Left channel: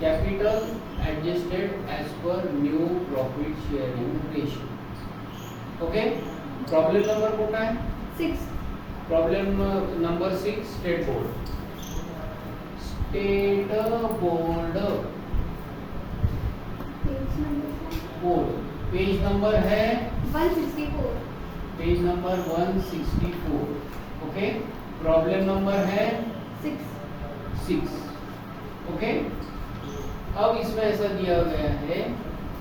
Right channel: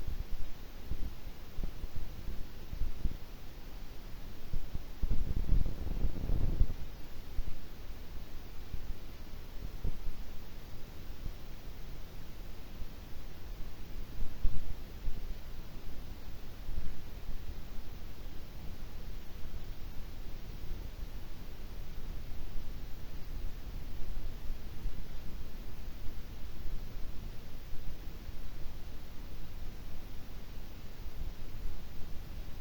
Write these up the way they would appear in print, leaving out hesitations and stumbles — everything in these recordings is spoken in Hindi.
Capital adjusted as per new profit sharing ratio. Okay, problem number कोणता आहे? 6. Problem number 6 state board. State board page number है 164. Page number 164. Okay, problem number है 6. ओके, अब इसमें ऐसा दिया गया है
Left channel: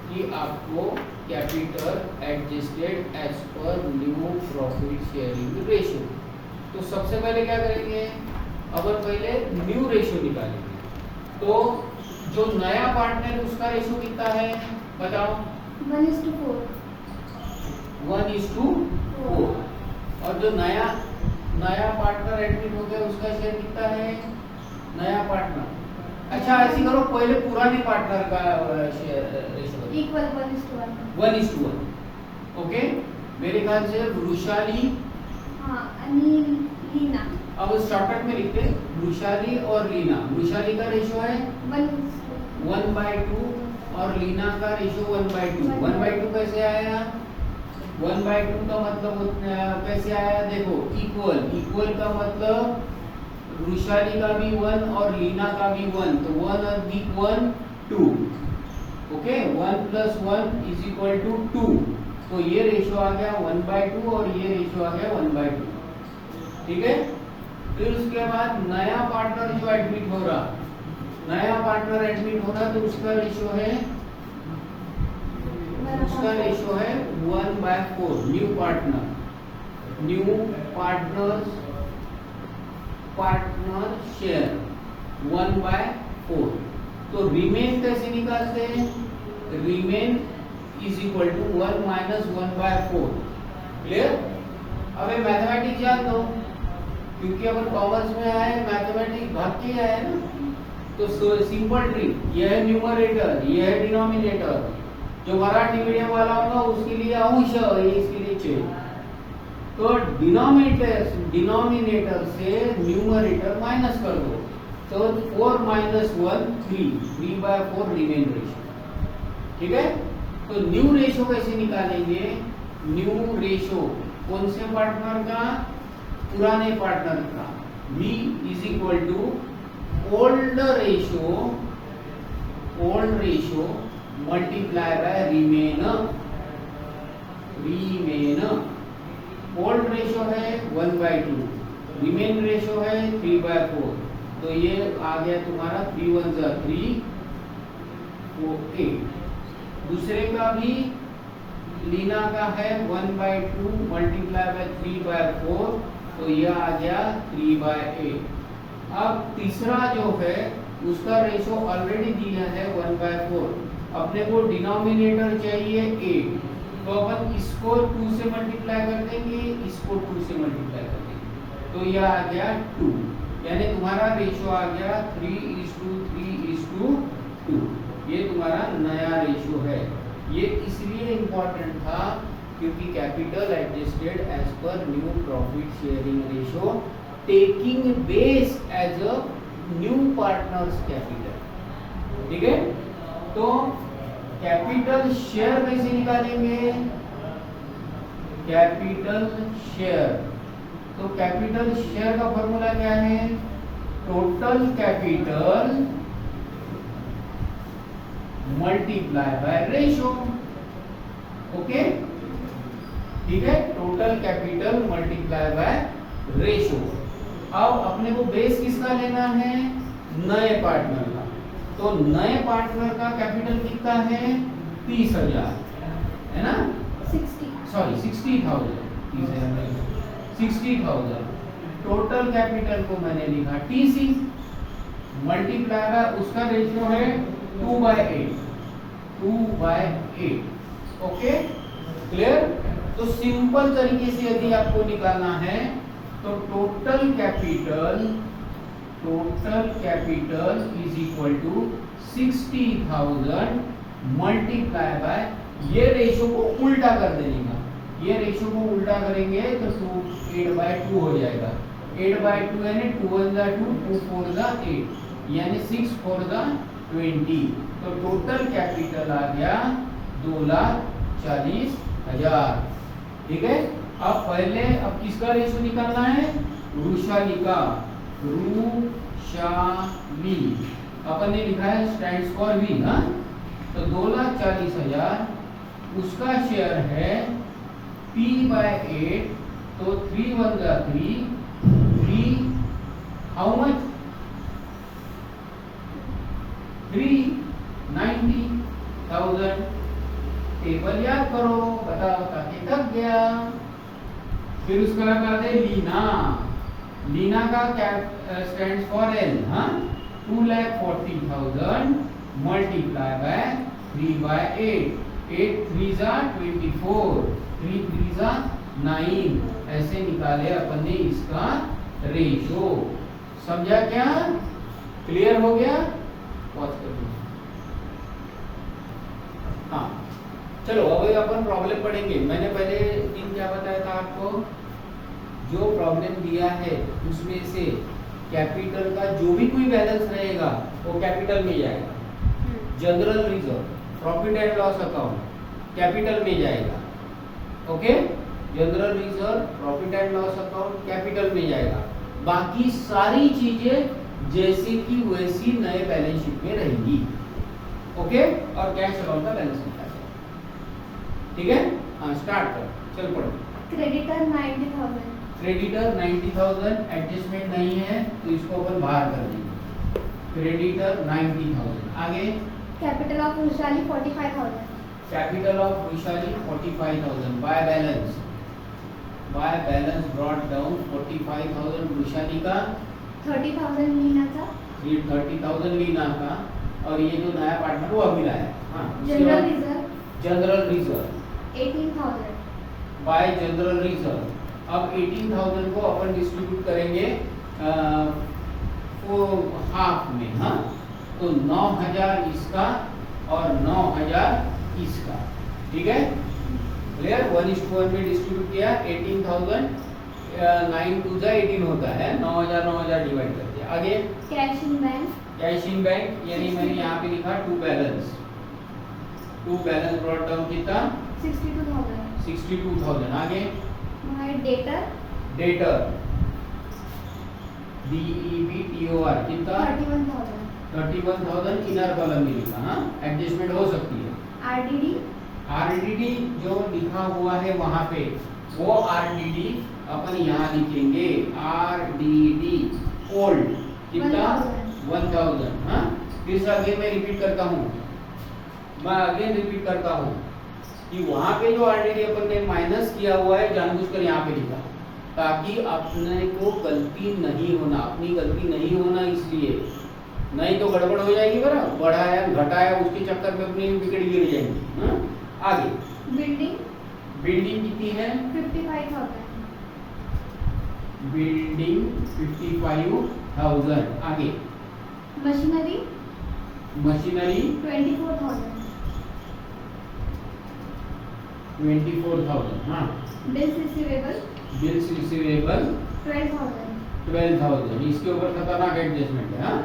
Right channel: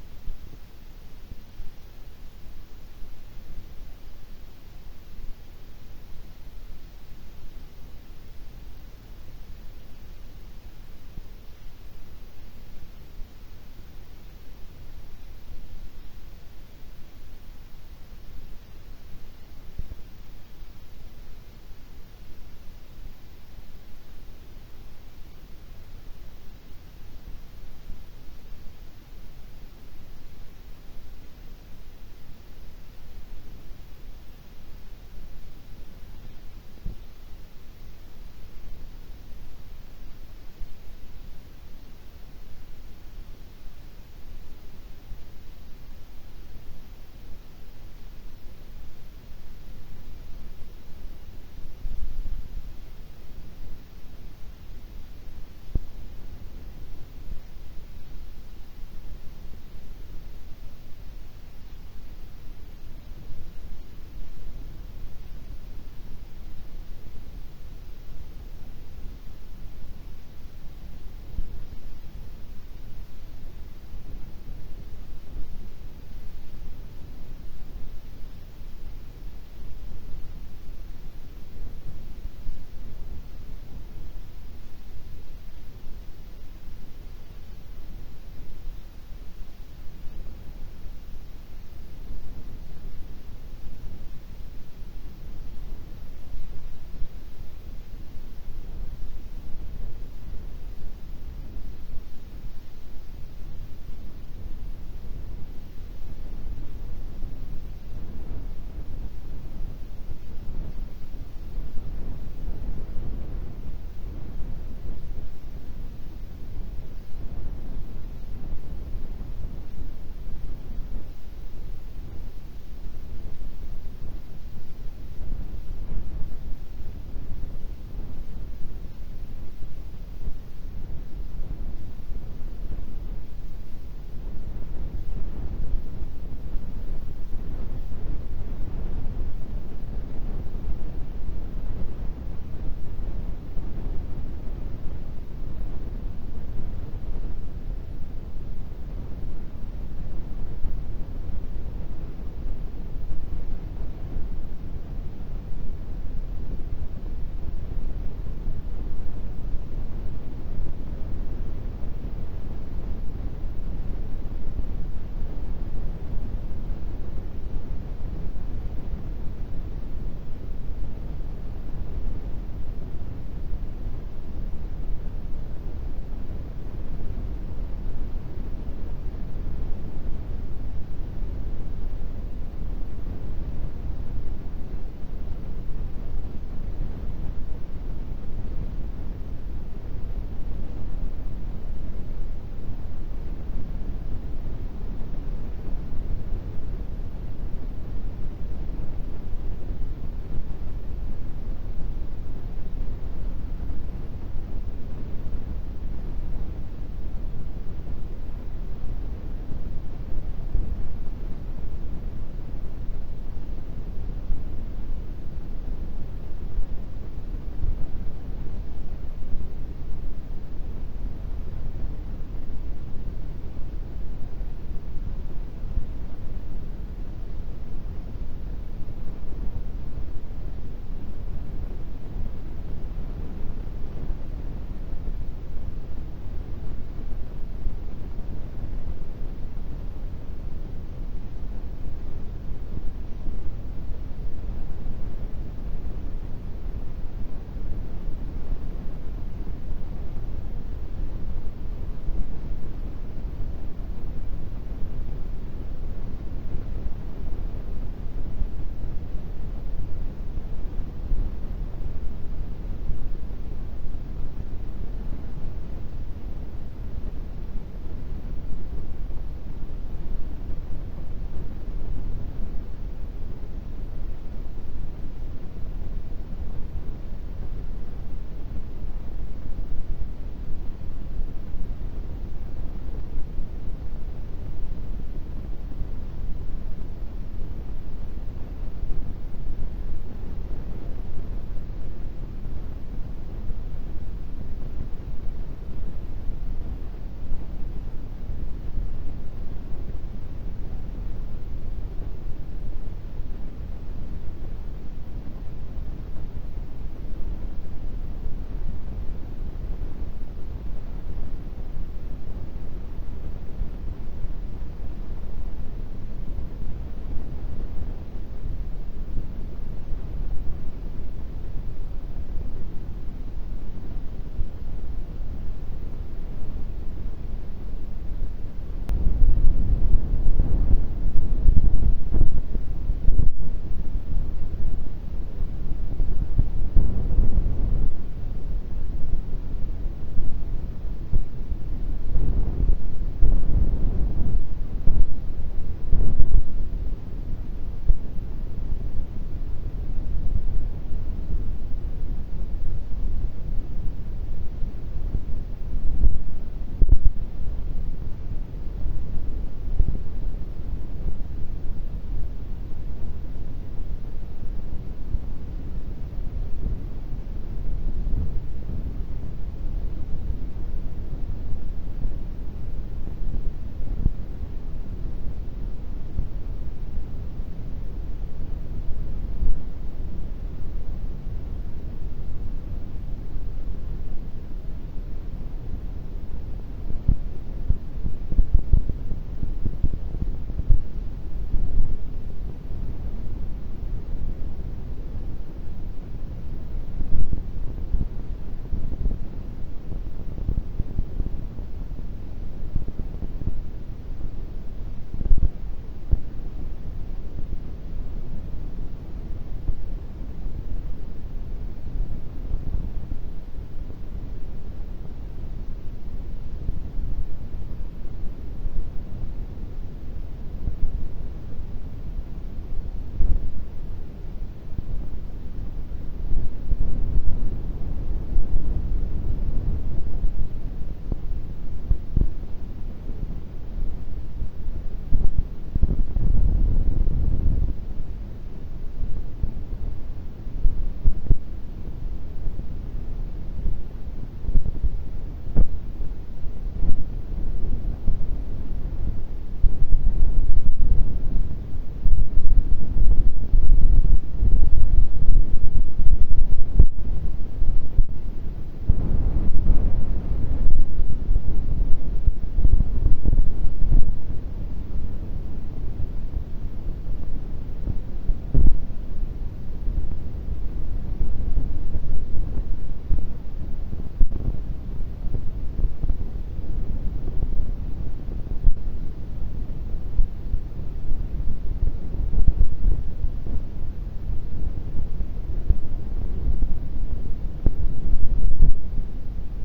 कि आपको capital adjusted as per new profit sharing ratio. तो सबसे पहले क्या करेंगे, अपन पहले न्यू रेशियो निकालेंगे. तो जो नया पार्टनर उसका रेशियो कितना है बताओ? 1:4. 1:4. और जो नया पार्टनर एडमिट हो गया उसका शेयर कितना है? नया पार्टनर. अच्छा, ऐसी करो, पहले पुराने पार्टनर का शेयर रेशियो इक्वल 1:1. 1:1. ओके, मेरे ख्याल से वृषाली हाँ, आणि लीना. अब शॉर्टकट में लिखते हैं वृषाली और लीना. वृषाली का रेशियो है 1/2 और लीना का रेशियो 1/2. 1/2 कैसे आया? 1/2 का मतलब कैसे आया? देखो, इक्वल का मतलब वृषाली का भी 1 और लीना का भी 1, तो 1 और 1 2. ओके, 1 + 1 = 2. तो ये रेशियो आ गया 1/2 और ये रेशियो आ गया 1/2. ठीक है. फिर उसके बाद नया पार्टनर जो एडमिट हो रहा, तो उसका रेशियो है 1/4. New partner share 1/4. तो रिमेन कैसे निकालते हैं? रिमेन = 1 - 1/4. क्लियर? अब मैथमेटिक्स जान दो, क्योंकि अपन कॉमर्स में आए, मैथमेटिक्स भाग के आए ना. तो सिंपल ट्रिक, यह है न्यूमरेटर, यह है डिनोमिनेटर. जो मराठी मीडियम वाला होगा उसके लिए अंश, इसके लिए छेद. तो डिनोमिनेटर से न्यूमरेटर माइनस कर दो, तो 4 - 1 3. 3/4 रिमेन रेशियो. ठीक है. तो न्यू रेशियो कैसे निकालेंगे? न्यू रेशियो कौन से पार्टनर का? पुराने पार्टनर का. V = old ratio multiply by remain. Old ratio है 1/2, रिमेन रेशियो है 3/4. तो ये आ गया तुम्हारा 3 × 1 = 3, 4 8. दूसरे का भी लीना का है 1/2 मल्टीप्लाई बाय 3/4, तो यह आ गया 3/8. अब तीसरा जो है उसका रेशियो ऑलरेडी दिया है 1/4. अपने को डिनोमिनेटर चाहिए 8, तो अपन इसको 2 से मल्टीप्लाई कर देंगे, इसको 2 से मल्टीप्लाई कर देंगे, तो यह आ गया 2. यानी तुम्हारा रेशियो आ गया 3:3:2. ये तुम्हारा नया रेशियो है. ये इसलिए इम्पोर्टेंट था क्योंकि capital adjusted as per new profit sharing ratio taking base as a new partners capital. ठीक है. तो कैपिटल शेयर कैसे निकालेंगे? कैपिटल शेयर, तो कैपिटल शेयर का फॉर्मूला क्या है? Total capital multiply by ratio. Okay, ठीक है. Total capital multiply by ratio. अब अपने को बेस किसका लेना है? नए पार्टनर का. तो नए पार्टनर का कैपिटल कितना है? 30,000 है ना? 60,000. 60,000. टोटल कैपिटल को मैंने लिखा TC मल्टीप्लाई बाय उसका रेशियो है 2/8. Okay, clear. तो सिंपल तरीके से यदि आपको निकालना है तो टोटल कैपिटल = 60,000 मल्टीप्लाई बाय, ये रेशियो को उल्टा कर देने का. ये रेशियो को उल्टा करेंगे तो 8/2 हो जाएगा. 8/2 यानी 2 × 1 = 2, 2 × 4 = 8, यानी 6 × 4 = 20। तो टोटल कैपिटल आ गया 2,40,000। ठीक है। अब किसका रेशो निकालना है? वृषाली का। वृषाली अपन ने लिखा है स्टैंड्स फॉर वी ना। तो 2,40,000 उसका शेयर है P/8। तो 3 1 जा 3 हाउ मच? 390,000। टेबल याद करो, बता के थक गया। फिर उसका लगाते लीना। लीना का क्या स्टैंड्स फॉर एल। हाँ, 2,40,000 मल्टीप्लाई बाय 3/8। 8 3 जा 24, 3 3 जा 9। ऐसे निकाले अपन ने इसका रेशो। समझा क्या? क्लियर हो गया? पॉज कर दो। हाँ, चलो अब अपन प्रॉब्लम पढ़ेंगे। मैंने पहले दिन क्या बताया था आपको? जो प्रॉब्लम दिया है उसमें से कैपिटल का जो भी कोई बैलेंस रहेगा वो कैपिटल में जाएगा। General reserve, profit and loss account capital में जाएगा। Okay, general reserve, profit and loss account capital में जाएगा। बाकी सारी चीजें जैसी की वैसी नए बैलेंस शीट में रहेंगी। ओके, और कैश अकाउंट का बैलेंस निकालेंगे। ठीक है। हाँ, स्टार्ट कर। चल पढ़ो। क्रेडिटर 90,000। क्रेडिटर 90,000 एडजस्टमेंट नहीं है तो इसको अपन बाहर कर देंगे। क्रेडिटर 90,000। आगे capital of Vrishali 45,000। Capital of Vrishali 45,000 by balance brought down 45,000 Vrishali का, 30,000 लीना का। ये 30,000 लीना का, और ये जो नया पार्टनर वो अभी लाया। हाँ, general reserve 18,000 bye general reserve. अब 18,000 को अपन डिस्ट्रीब्यूट करेंगे वो हाफ में। हाँ, तो 9,000 इसका और 9,000 इसका। ठीक है, क्लियर? 1:1 में डिस्ट्रीब्यूट किया। 18,000 9 2 जा 18 होता है। 9,000 9,000 डिवाइड कर दिया। आगे कैश इन बैंक यानी मैंने यहाँ पे लिखा टू बैलेंस ब्रॉट डाउन कितना? 62,000। आगे डेटर DEBTOR कितना? 31,000 इनर कॉलम में लिखा। हाँ, एडजस्टमेंट हो सकती है। RDD जो लिखा हुआ है वहां पे वो RDD अपन यहाँ लिखेंगे। RDD ओल्ड कितना? 1,000। हाँ, फिर से अगेन मैं रिपीट करता हूँ कि वहां पे जो RDD अपन ने माइनस किया हुआ है जानबूझकर यहाँ पे लिखा ताकि अपने को गलती नहीं होना इसलिए। नहीं तो गड़बड़ हो जाएगी। बराबर बढ़ाया घटाया उसके चक्कर में अपनी विकेट गिर जाएंगी। हाँ? आगे बिल्डिंग कितनी है? 55,000। बिल्डिंग 55,000। आगे मशीनरी 24,000। हाँ, बिल्स रिसीवेबल 12,000। इसके ऊपर खतरनाक एडजस्टमेंट है। हाँ?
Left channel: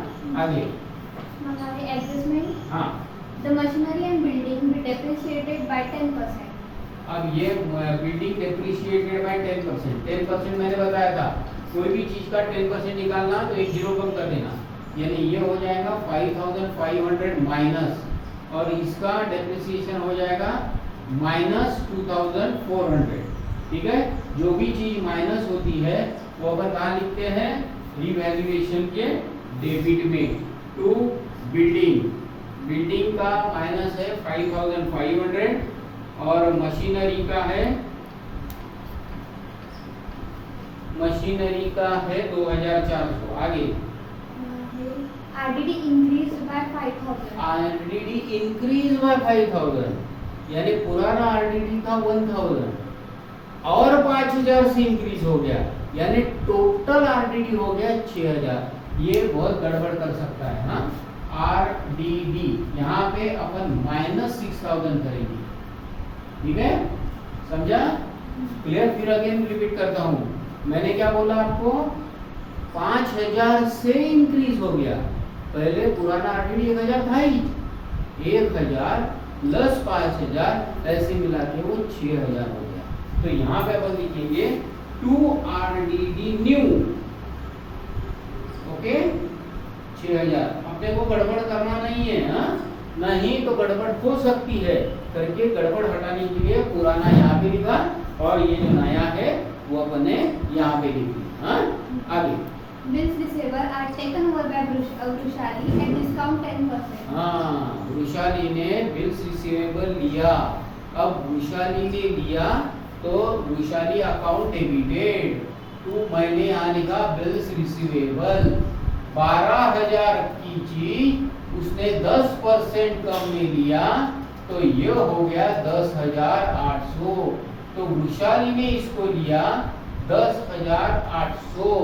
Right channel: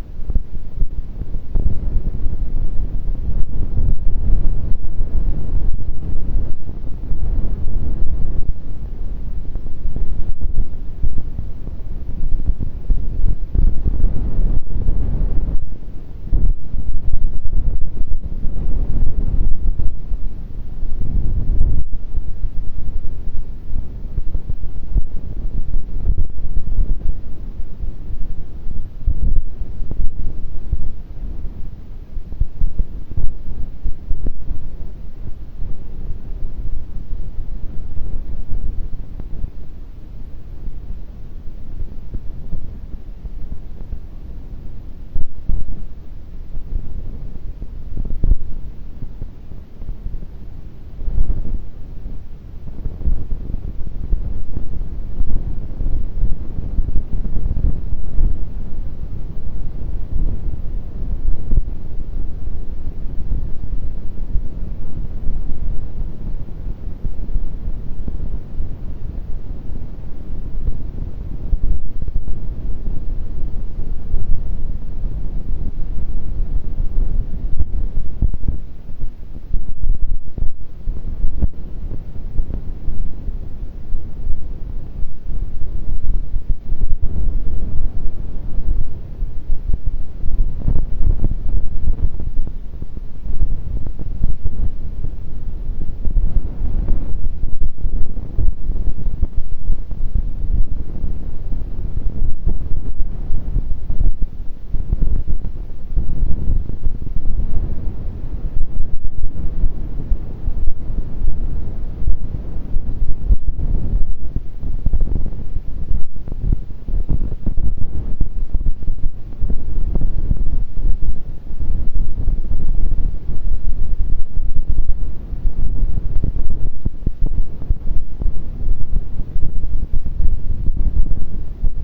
आगे एडजस्टमेंट। हाँ, the machinery and building be depreciated by 10%। अब ये बिल्डिंग डेप्रिशिएटेड बाय 10%। 10% मैंने बताया था, कोई भी चीज का 10% निकालना तो एक जीरो कम कर देना, यानी ये हो जाएगा 5,500 माइनस, और इसका डेप्रिसिएशन हो जाएगा -2,400। ठीक है, जो भी चीज माइनस होती है वो अपन कहाँ लिखते हैं? रिवैल्यूएशन के डेबिट में। टू बिल्डिंग का माइनस है 5,500 और मशीनरी का है 2,400। आगे RDD increased by 5,000। RDD increase by 5,000, यानी पुराना RDD था 1,000 और 5,000 से इंक्रीज हो गया, यानी टोटल RDD हो गया 6,000। ये बहुत गड़बड़ कर सकता है। हाँ, RDD यहाँ पे अपन -6,000 करेंगे। ठीक है, समझा? क्लियर? फिर अगेन रिपीट करता हूँ। मैंने क्या बोला आपको? 5,000 से इंक्रीज हो गया, पहले पुराना आरटीडी 1000 था ही, 1000 प्लस 5000 ऐसे मिला के वो 6000 हो गया। तो यहाँ पे अपन लिखेंगे 2 RDD न्यू, ओके 6000। अपने को गड़बड़ करना नहीं है, हाँ नहीं तो गड़बड़ हो सकती है, करके गड़बड़ हटाने के लिए पुराना यहाँ पे लिखा और ये जो नया है वो अपने यहाँ पे लिख दिया। हाँ आगे Bills receivable are taken over by Vrushali at discount 10%. हाँ वृषाली ने बिल्स रिसीवेबल लिया। अब वृषाली ने लिया तो वृषाली अकाउंट डेबिटेड टू, मैंने यहाँ लिखा बिल्स रिसीवेबल 12000 की चीज उसने 10% कम में लिया तो ये हो गया 10,800। तो वृषाली ने इसको लिया 10,800।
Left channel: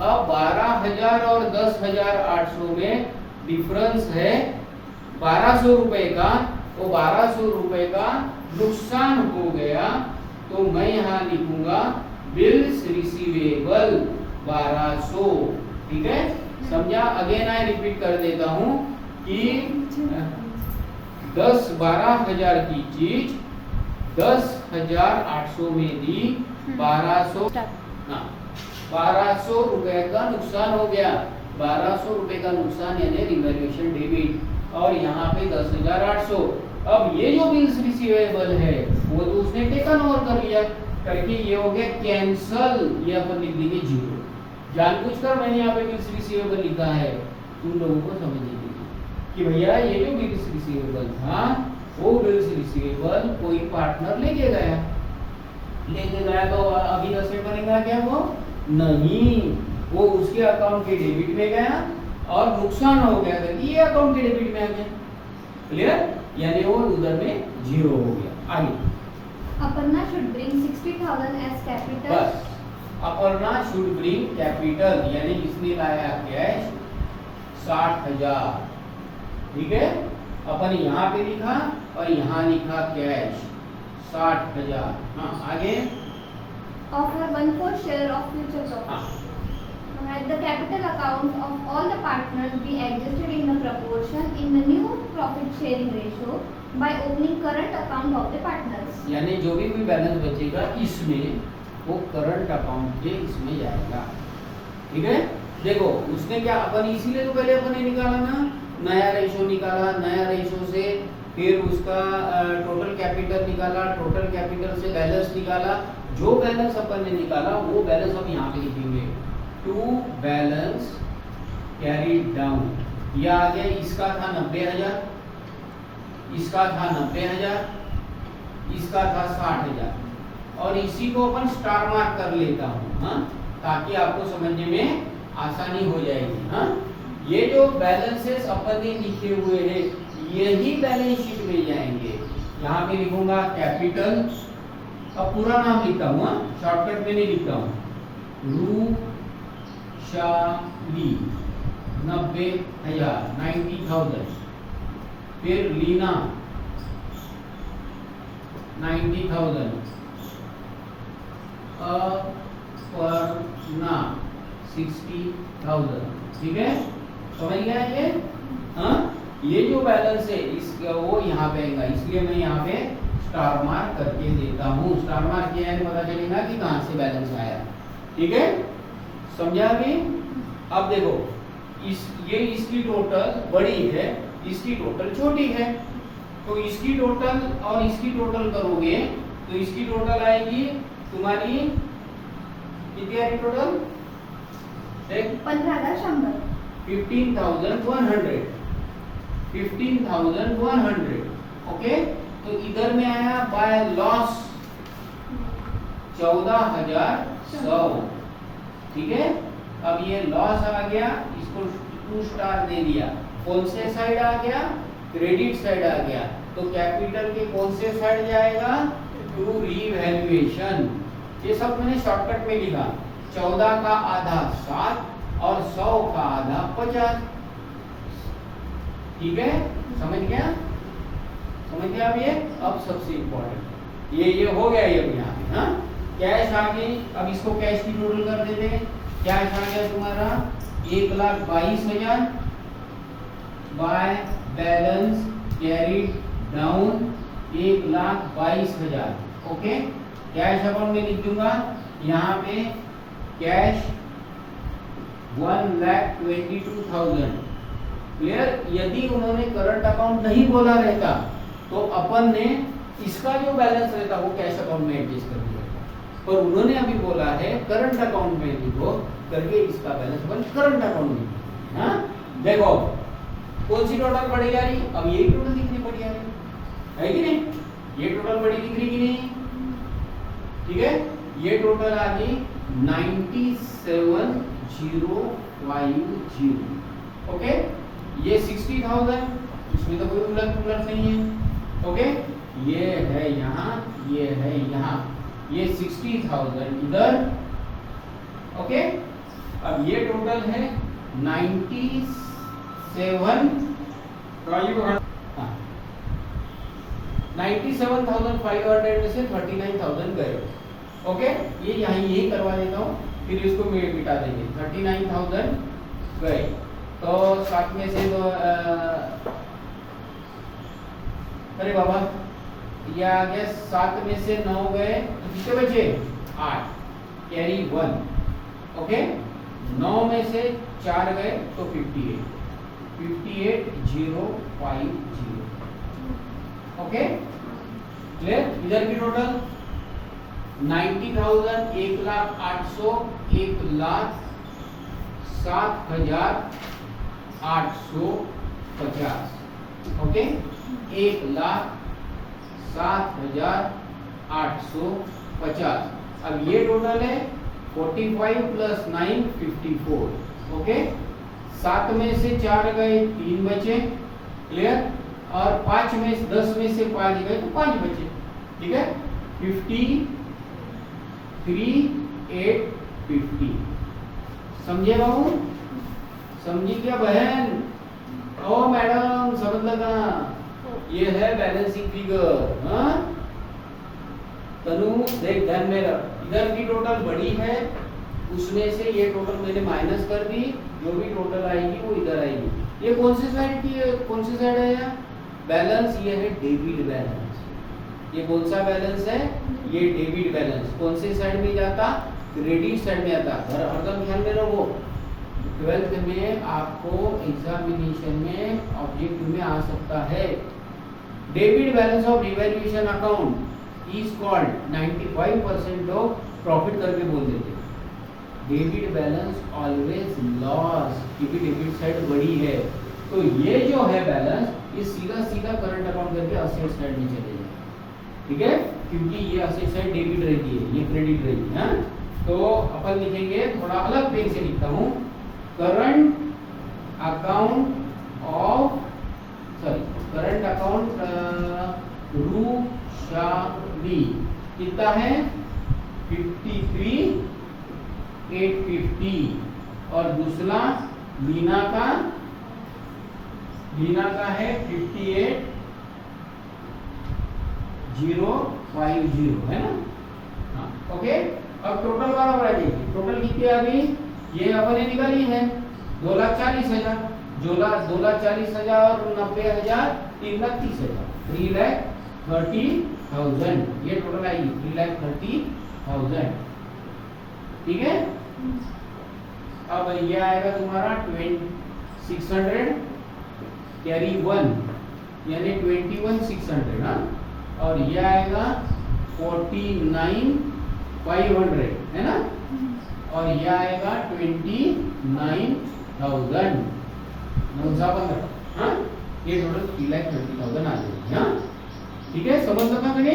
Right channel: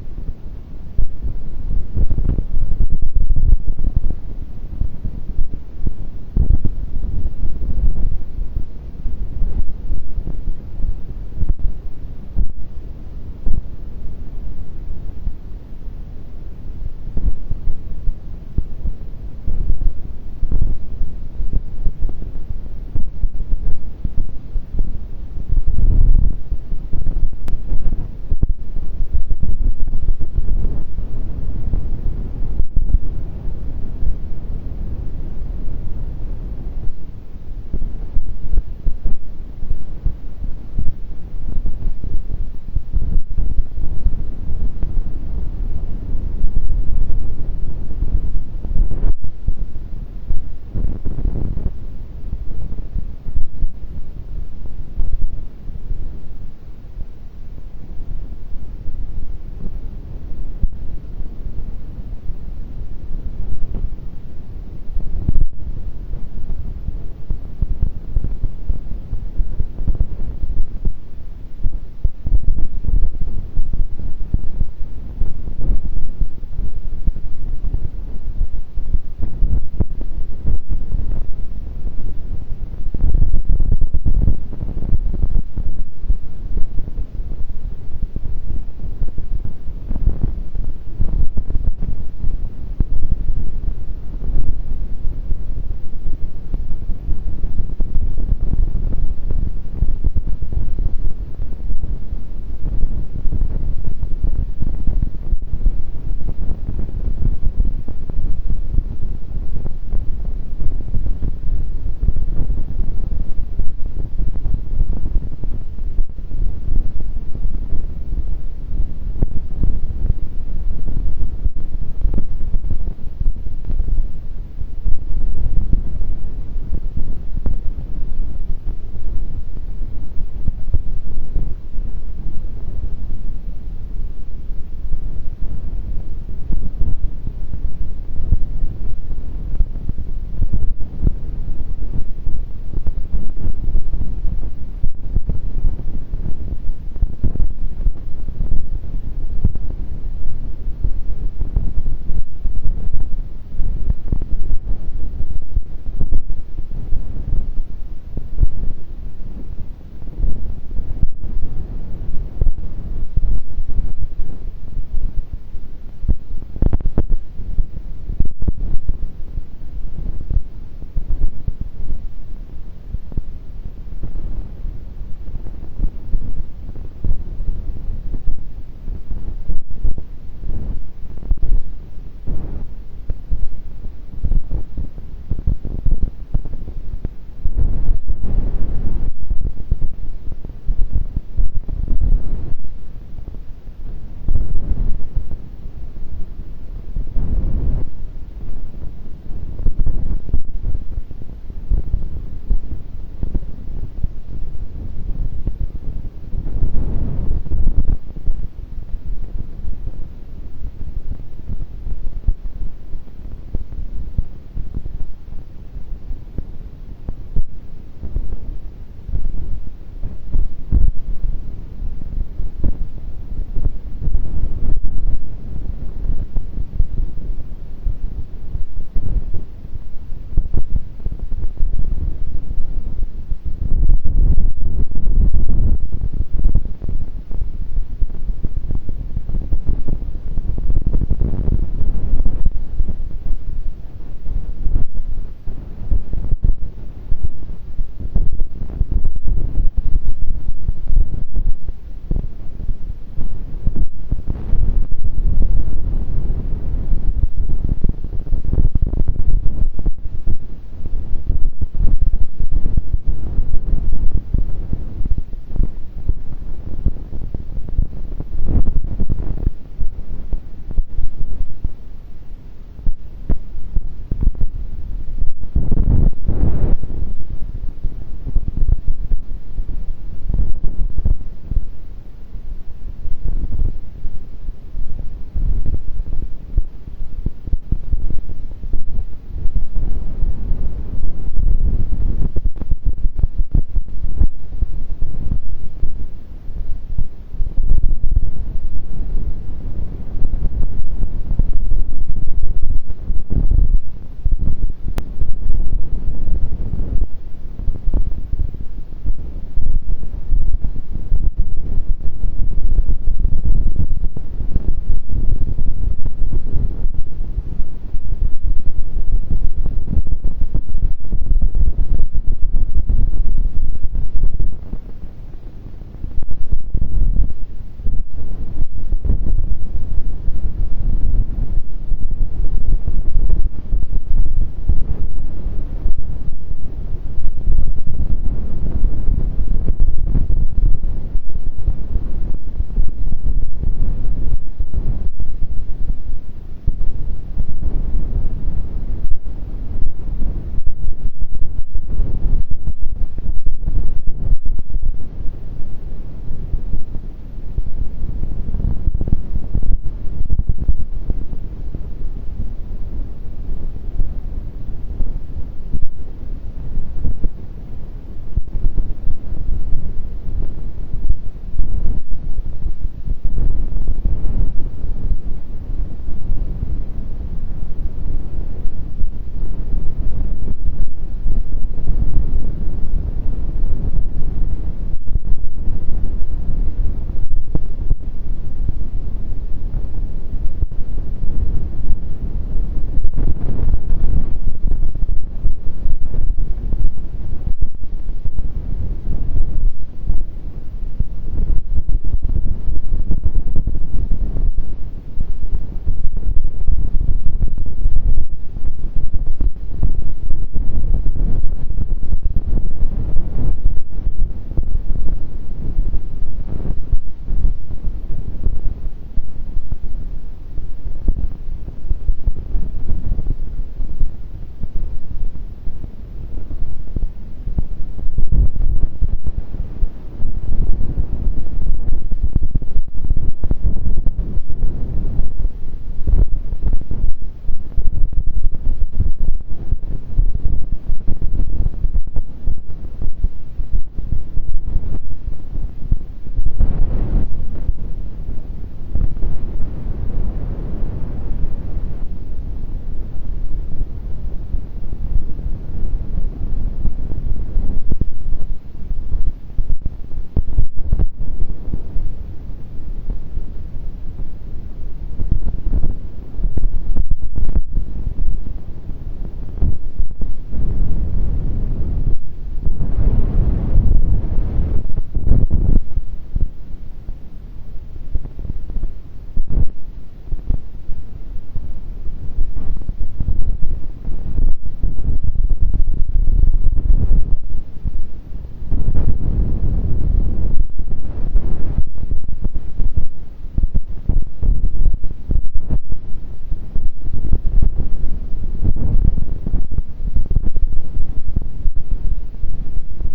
अब 12,000 और 10,800 में डिफरेंस है 1200 रुपए का, तो 1200 रुपए का नुकसान हो गया। तो मैं यहाँ लिखूंगा बिल्स रिसीवेबल 1200। ठीक है, समझा? अगेन आई रिपीट कर देता हूँ कि 12,000 की चीज 10,800 में दी, 1200 रुपए का नुकसान हो गया। 1200 रुपए का नुकसान यानी रिवैल्यूएशन डेबिट, और यहाँ पे 10,800। अब ये जो बिल्स रिसीवेबल है वो तो उसने टेकन ओवर कर लिया, करके ये हो गया कैंसल। ये अपन लिख देंगे 0। जानबूझकर मैंने यहाँ पे बिल्स रिसीवेबल लिखा है तुम लोगों को समझने के लिए कि भैया ये जो बिल्स रिसीवेबल था वो बिल्स रिसीवेबल कोई पार्टनर लेके गया तो अभी दस बनेगा क्या? वो नहीं, वो उसके अकाउंट के डेबिट में गया और नुकसान हो गया था कि ये अकाउंट के डेबिट में आ गया। क्लियर? यानी वो उधर में 0 हो गया। आगे Aparna should bring 60,000 as capital. बस अपर्णा शुड ब्रिंग कैपिटल, यानी इसने लाया कैश 60,000। ठीक है, अपन यहाँ पे लिखा और यहाँ लिखा कैश 60,000। हाँ आगे Offer 1/4 share of future profit. Let the capital account of all the partners be adjusted in the proportion in the new profit sharing ratio by opening current account of the partners. यानी जो भी बैलेंस बचेगा इसमें वो करंट अकाउंट के इसमें जाएगा। ठीक है, देखो उसने क्या, अपन इसीलिए तो पहले अपन ने निकाला ना, नया रेशो निकाला, नया रेशो से फिर उसका टोटल कैपिटल निकाला, टोटल कैपिटल से बैलेंस निकाला। जो बैलेंस अपन ने निकाला वो बैलेंस हम यहाँ पे लिखेंगे, टू बैलेंस कैरीड डाउन। यह आ गया, इसका था 90,000, इसका था 90,000, इसका था 60,000, और इसी को अपन स्टार मार्क कर लेता हूँ, हाँ, ताकि आपको समझने में आसानी हो जाएगी। हाँ, ये जो बैलेंसेस अपन ने लिखे हुए हैं यही बैलेंस शीट में जाएंगे। यहाँ पे लिखूंगा कैपिटल, अब पूरा नाम लिखता हूँ, शॉर्टकट में नहीं लिखता हूँ, रूशाली 90,000 90,000, फिर लीना 90,000, अपर्णा 60,000। ठीक है, समझ गया ये? हाँ, ये जो बैलेंस है इसका वो यहाँ पे आएगा, इसलिए मैं यहाँ पे स्टार मार्क करके देता हूँ। स्टार मार्क किया है, पता चलेगा कि कहाँ से बैलेंस आया। ठीक है, समझा अभी? अब देखो ये इसकी टोटल बड़ी है, इसकी टोटल छोटी है, तो इसकी टोटल और इसकी टोटल करोगे तो इसकी टोटल आएगी तुम्हारी कितनी आएगी टोटल? 15,100। 15,100, 15,100। ओके, तो इधर में आया बाय लॉस 14,100। ठीक है, अब ये लॉस आ गया, इसको 2 स्टार दे दिया। कौन से साइड आ गया? क्रेडिट साइड आ गया। तो कैपिटल के कौन से साइड जाएगा? To revaluation. ये सब मैंने शॉर्टकट में लिखा, 14 का आधा 7 और 100 का आधा 50। ठीक है, समझ गया? समझ गया? अब ये अब सबसे इम्पोर्टेंट ये हो गया। ये यहाँ पे हाँ, कैश आ गई। अब इसको कैश की टोटल कर देते हैं। कैश आ गया तुम्हारा 1,22,000, by balance carried down 1,22,000। Okay, cash account में लिख दूंगा यहाँ पे कैश 1,22,000। क्लियर। यदि उन्होंने करंट अकाउंट नहीं बोला रहता तो अपन ने इसका जो बैलेंस रहता वो कैश अकाउंट में एडजस्ट कर दिया, पर उन्होंने अभी बोला है करंट अकाउंट में लिखो करके इसका बैलेंस अपन करंट अकाउंट में। हाँ, देखो कौन सी टोटल पड़ी जा रही, अब यही टोटल दिखनी पड़ी है कि नहीं, ये टोटल बड़ी दिख रही कि नहीं, ठीक है। ये टोटल आ गई 97,050। ओके, ये 60,000, इसमें तो कोई उलट पुलट नहीं है। ओके, ये है यहाँ, ये है यहाँ, ये 60,000 इधर। ओके, अब ये टोटल है 97,500 में से 39,000 गए। ओके, ये यहाँ यही करवा देता हूँ, फिर इसको मिटा देंगे। 39,000 गए तो साथ में से तो अरे बाबा ये आ गया, 7 में से 9 गए तो कितने बचे 8, कैरी 1। ओके, 9 में से 4 गए तो 58,050। Okay, clear. इधर की टोटल 90,000, 1,08,000, 1,07,850। ओके, 1,07,850। अब ये टोटल है 45 प्लस 9 54। ओके, 7 में से 4 गए 3 बचे। क्लियर। और 5 में 10 में से 5 गए तो 5 बचे। ठीक है, 53,850। समझे बाबू, समझी क्या बहन? ओ मैडम समझ लगा, ये है बैलेंसिंग फिगर। हाँ तनु देख, ध्यान में रख, इधर की टोटल बड़ी है, उसमें से ये टोटल मैंने माइनस कर दी, जो भी टोटल आएगी वो इधर आएगी। ये कौन सी साइड की है, कौन सी साइड है यार बैलेंस? ये है डेबिट बैलेंस। ये कौन सा बैलेंस है? ये डेबिट बैलेंस। कौन से साइड में जाता? क्रेडिट साइड में आता। और हरदम ध्यान में रखो, 12th में आपको एग्जामिनेशन में ऑब्जेक्टिव में आ सकता है। Debit balance of revaluation account is called 95% of profit करके बोल देते। डेबिट बैलेंस ऑलवेज लॉस, क्योंकि डेबिट साइड बड़ी है। तो ये जो है बैलेंस, ये सीधा सीधा करंट अकाउंट करके असेट साइड में चले जाए। ठीक है, क्योंकि ये असेट साइड डेबिट रहती है, ये क्रेडिट रहती है। तो अपन लिखेंगे, थोड़ा अलग पेन से लिखता हूँ, current account of current account रूशाली कितना है 53,850। और दूसरा लीना का है 58,050, है ना। ओके, अब टोटल बराबर आ जाएगी। टोटल कितनी आ गई? ये अपने निकाली है 2,40,000, 2,40,000 और 90,000 3,30,000, 3,30,000 ये टोटल आएगी, 3,30,000। ठीक है, अब ये आएगा तुम्हारा 600 कैरी 1 यानी 21,600। हाँ, और ये आएगा 49,500, है ना। और ये आएगा 29,000। हाँ, ये टोटल 3,30,000 आ जाएगी। हाँ, ठीक है, समझ लगा मैंने।